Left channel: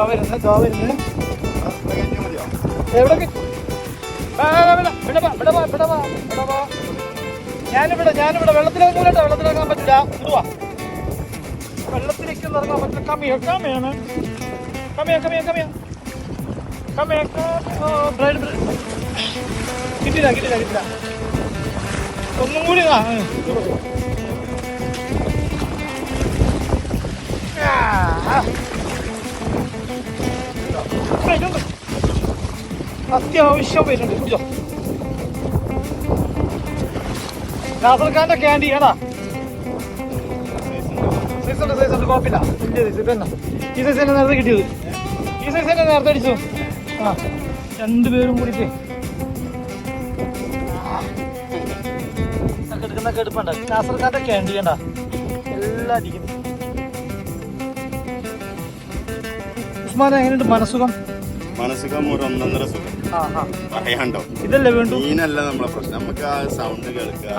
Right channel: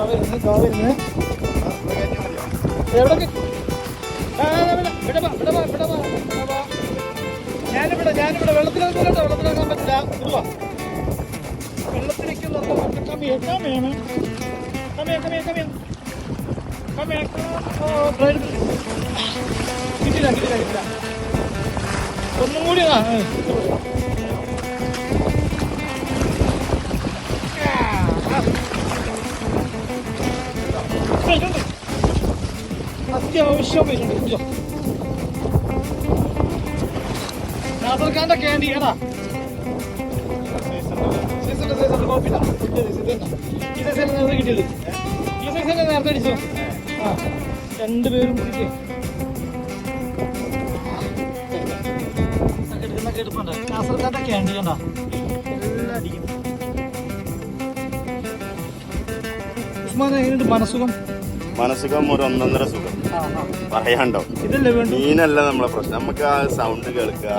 എവിടെ ഞാനിവിടെ വെള്ളത്തിലേക്ക് വെള്ളത്തിലാക്കാൻ പറ്റില്ല. ഇടുവാ വെള്ളത്തിലേക്ക് കമ്മിയോ കിട്ടില്ല. ഒന്നും കൂടി അത്യാവശ്യം വരുന്നുണ്ട്. കുടിച്ചോ. നാസർഖാന്റെ ക്യാൻഡി ഏതാ സൈസുണ്ട് കുഴപ്പമില്ല. ഇതന്നെ ഈ സൈസ് നേരത്തെ കിട്ടിയത്. ഈ സൈസ് തന്നെ നേരത്തെ അടിച്ചോ. ആ രണ്ടുപേരും കൂടിയിട്ട് എടുക്കുന്നൊക്കെ എടുപ്പുണ്ട്. നാസർഖാന്റെ ക്യാൻഡി കണ്ട എല്ലാം അടിക്കുന്നു. ഉസ്മാൻ എങ്ങനെയുണ്ട് മനസ്സുഖം? മനസ്സുഖം ഒരു ഒന്നൊന്നര സുഖം പറയാണ്ടോ. മീനല്ല നമ്മളെ പ്രശ്നം, നമുക്ക് ആ സൗണ്ട് കേൾക്കുക.